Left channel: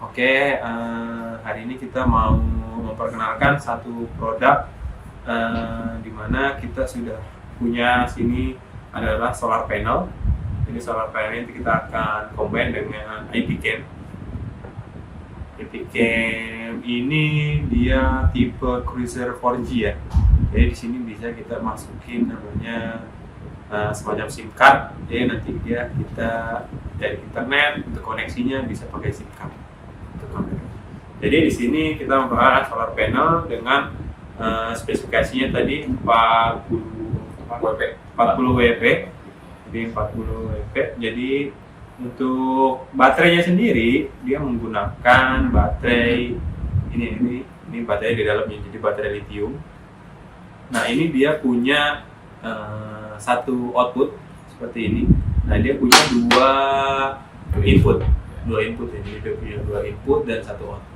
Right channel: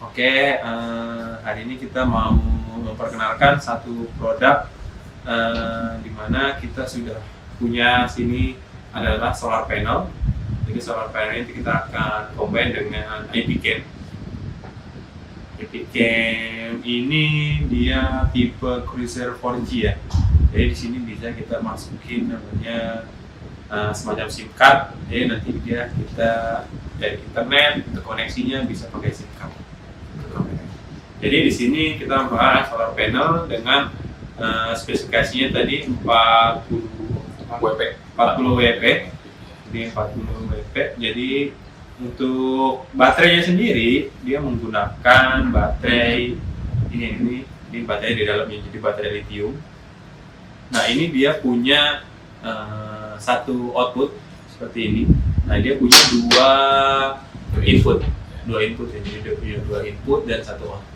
Oke, hari ini kita mau memperkenalkan satu produk di mana kita sudah punya sini adalah solar panel. Jadi solar panel ini kita akan combine dengan IP Cam. IP Cam ini dia tipe Cruiser 4G ya. Jadi di sini bisa kita masukin namanya semacam SIM card. Jadi nanti kita dari internet untuk koneksinya bisa pakai SIM card. Jadi di sini kita membahas solar panel dengan spesifikasinya tadi 40 WP. Jadi 40 WP. Jadi untuk baterainya sendiri dia menggunakan baterai ini baterai di dalamnya, jadi baterai lithium. Nah, ini dia punya satu output seperti ini. Nah, dia punya dua input ya. Jadi dia punya dua input dan satu output.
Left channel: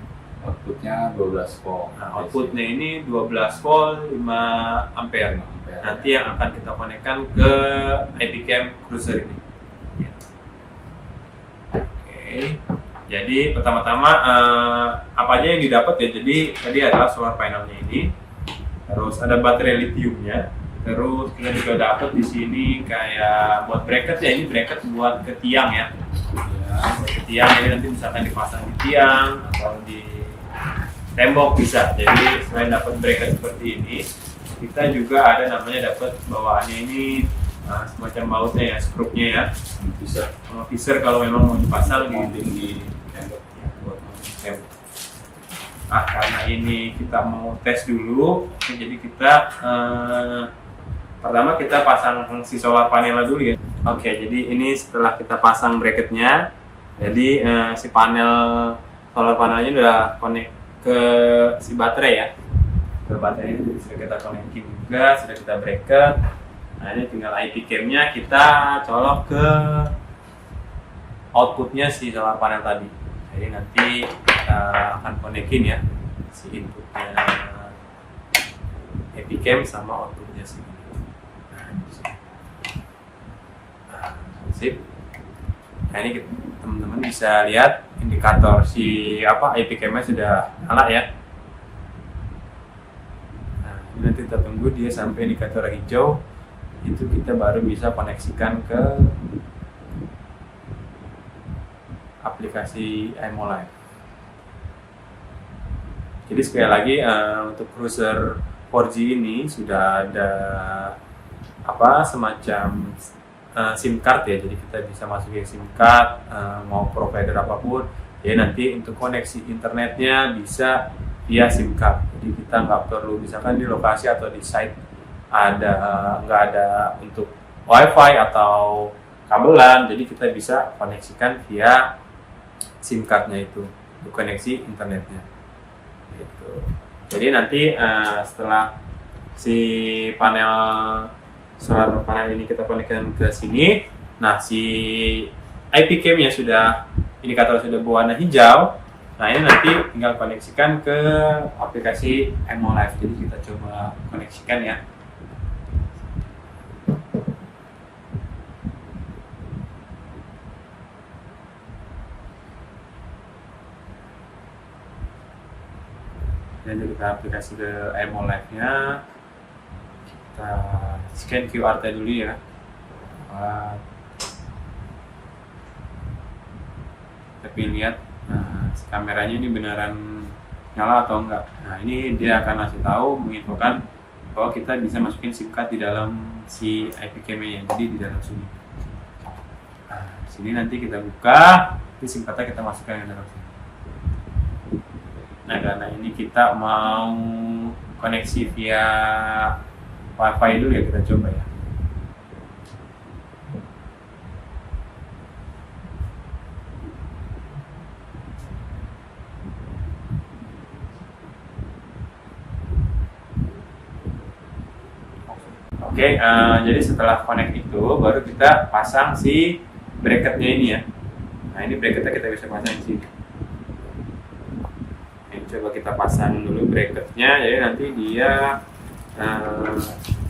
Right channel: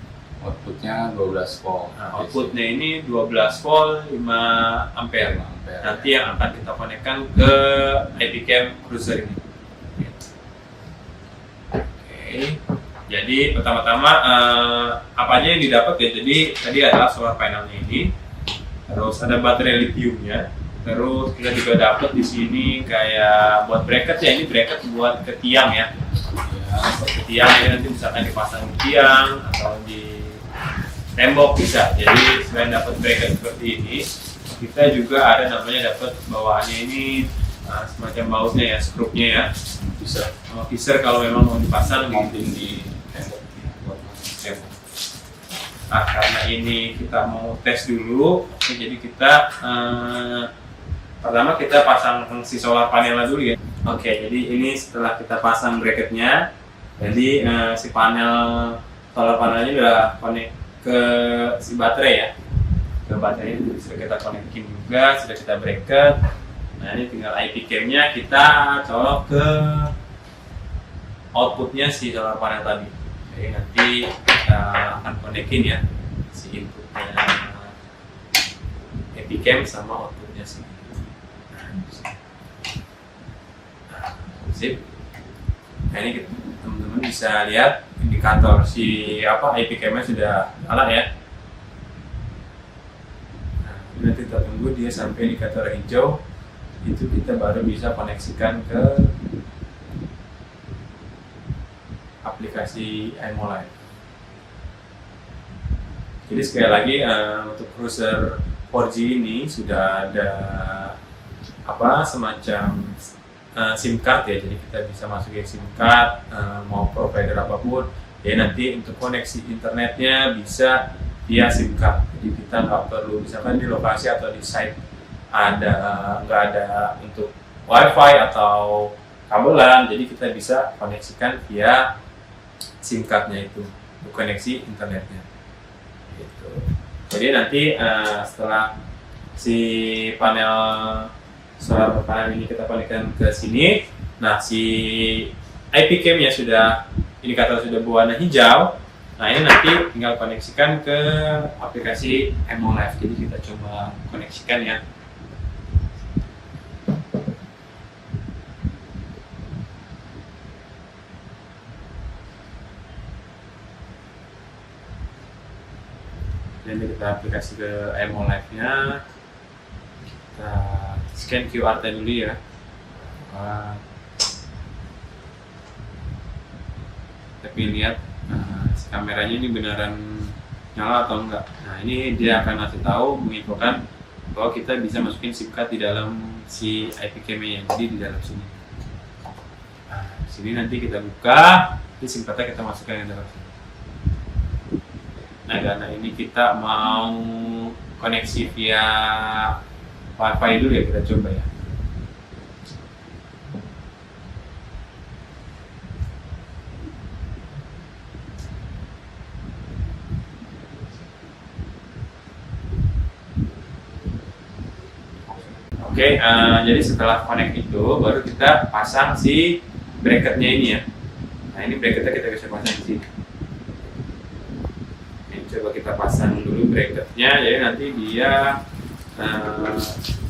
Outputnya 12 volt. Nah, outputnya ini 12 volt 5 ampere. Nanti yang akan kita konekkan ke IP Cam Cruiser ini. Oke. Jadi pertama-tama apa aja yang didapat ya? Jadi tadi adalah solar panelnya ini. Terus ada baterai lithiumnya. Terus kita juga dapat di sini kayak buat bracket ya. Ini bracket buat ke tiang ya. Buat ke tiang ini nanti misalkan dipasang di tiang atau di tembok bisa. Jadi selain dapat bracket seperti ini, kita juga ada namanya dapat bawaannya ini semacam bautnya ya, skrupnya ya. Bisa Sama visor kalau memang mau dipasang di tembok. buat tembok. Nah, karena ini kita mau tes dulu, oke, jadi kita pertama kita pasang si solar panelnya dulu ya. Oke, jadi ini setelah kita pasang bracketnya, jadi si solar panelnya udah connect ke si baterai ya, ke baterai ini sudah kita konekin juga, sudah kita bracket. Nah, ini tinggal IP cam-nya kita colok ke outputnya si solar panel tadi. Jadi nanti kita akan konekin ya si inputnya IP cam sama outputnya si ini. Nah, sip. Nah, ini teman-teman bisa lihat indikator si IP cam-nya sudah nyala ya. Nah, nanti kita tunggu dia sampai indikator hijau, itu kita baru bisa koneksikan ke aplikasi iMoLive. Jadi sekali lagi untuk Cruiser 4G ini sudah ada semacam SIM card ya, jadi kita bisa masukin SIM card mau provider apapun. Jadi nanti untuk koneksi internetnya bisa via SIM card. Jadi kita nggak perlu, misalkan di lokasi atau di site nggak ada untuk WiFi atau kabelan, jadi kita bisa koneksikan via SIM cardnya itu untuk koneksi internetnya. Gitu. Jadi nanti setelah si solar panel ini kita konekkan ke sini, nah si IP cam-nya indikator sudah berwarna hijau. Nah, ini nanti tinggal koneksikan ke aplikasi iMoLive. Jadi kita coba koneksikan ya. Dan kita aplikasi ke iMoLive-nya. Kita scan QR tadi dulu ya. Tapi lihat si kameranya ini beneran nyala atau enggak. Nah, ini dia akan ngasih tahu, menginfokan bahwa kita bisa masukin SIM card di dalam si IP cam-nya, jadi di dalam sini. Nah, di sini nanti kita buka, ini SIM card-nya kita masukkan ke dalam sini. Nah, karena ini kita mau koneksi via WiFi dulu ya, kita coba ya. Oke, jadi setelah connect itu baru kita pasang si bracketnya ini ya. Nah, ini bracketnya kita bisa pasang di sini. Ini coba kita pasang dulu bracketnya, jadi nanti dia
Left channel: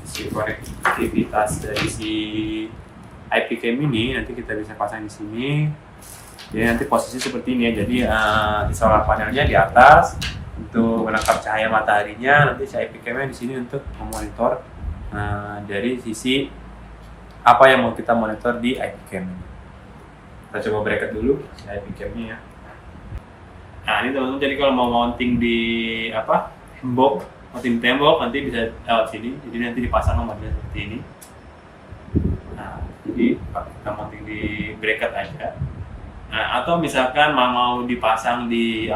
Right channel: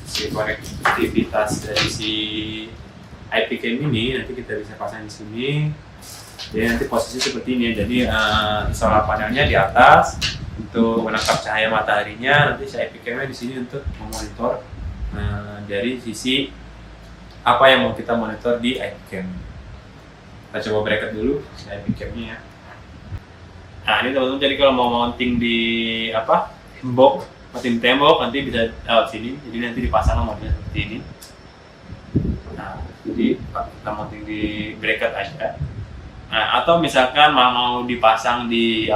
si konektivitas dari si IP cam ini nanti kita bisa pasang di sini. Jadi nanti posisi seperti ini. Jadi solar panelnya di atas untuk menangkap cahaya mataharinya. Nanti si IP cam-nya di sini untuk memonitor dari sisi apa yang mau kita monitor di IP cam. Kita coba bracket dulu si IP cam-nya ya. Nah ini teman-teman, jadi kalau mau mounting di tembok, mounting tembok nanti bisa lewat sini. Jadi nanti dipasang modelnya seperti ini. Nah jadi kita mounting di bracket aja. Nah, atau misalkan mau dipasang di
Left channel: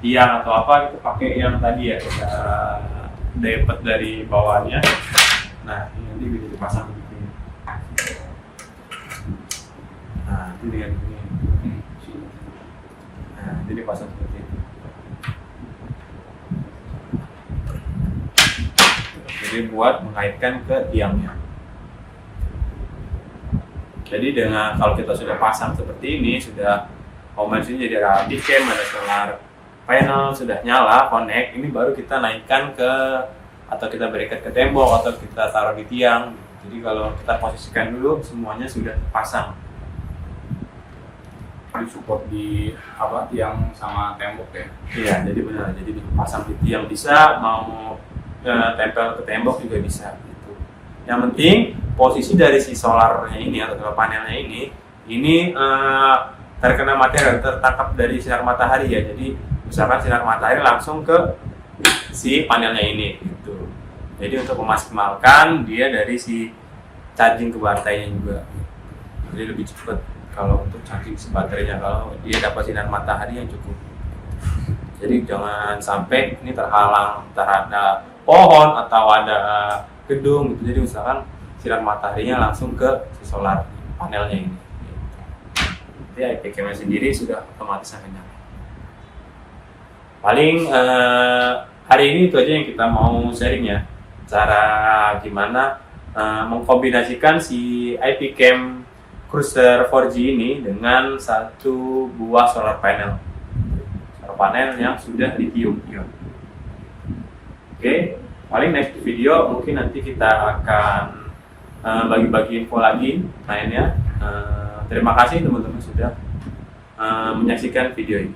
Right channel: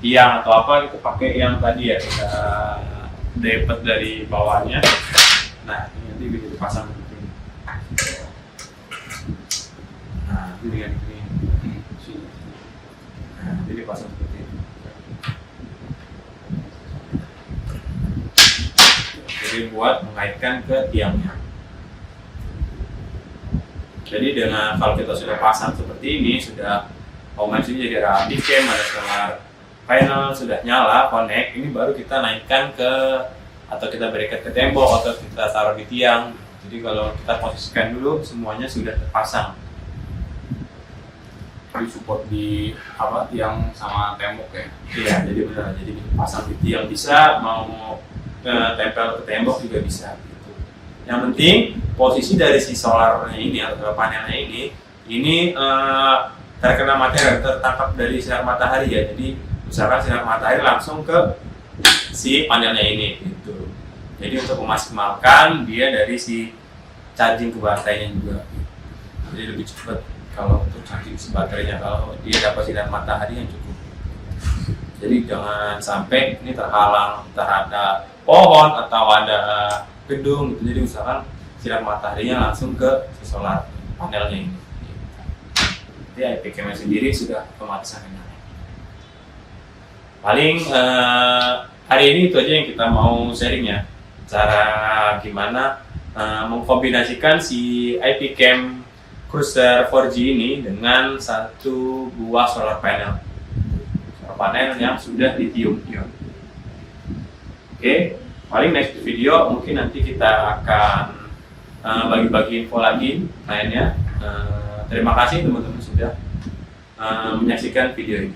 tiang atau kita pakai yang tadi ya, kita dapat dari bawahnya. Nah ini nanti bisa dipasang begitu. Nah ini dengan ini. Nah ini dipasang seperti ini. Jadi buat mengaitkan ke tiangnya. Jadi dengan kalau kita sudah pasang seperti ini, sudah sini jadi ada IP cam, ada solar panel, sudah nyala, connect, ini baru kita naikkan ke atau kita bracket ke tembok atau kita taruh di tiang. Jadi kalau kita posisikan dulu semuanya sudah terpasang. Di support di tiang sama tembok ya. Iya, jadi benar. Jadi pasang di tiang bisa, mau tempel ke tembok juga bisa. Yang penting posisi dari si solarnya ini atau panelnya ini terkena matahari, tertangkap dari sinar matahari ya. Jadi misalkan sinar matahari langsung ke si panelnya ini gitu. Jadi untuk memaksimalkan dia dari si charging ke baterainya juga. Jadi lebih cepat kalau untuk charging si baterainya, kalau dia dapat sinar matahari yang cukup. Jadi jangan sampai ini terhalang terhadap pohon atau ada gedung gitu. Jadi misalkan sinar mataharinya langsung ke si solar panelnya ini. Jadi IP cam-nya sendiri sudah otomatis akan nyala. Paling hari ini itu aja yang kita mau sharing ya. Cara gimana mengkombinasikan si IP cam Cruiser 4G ini dengan satu buah solar panel. Solar panel yang sudah lithium-ion. Oke. Paling next video mungkin nanti kita akan bagi-bagi info lagi lainnya. Terima kasih teman-teman sudah menyaksikan video ini.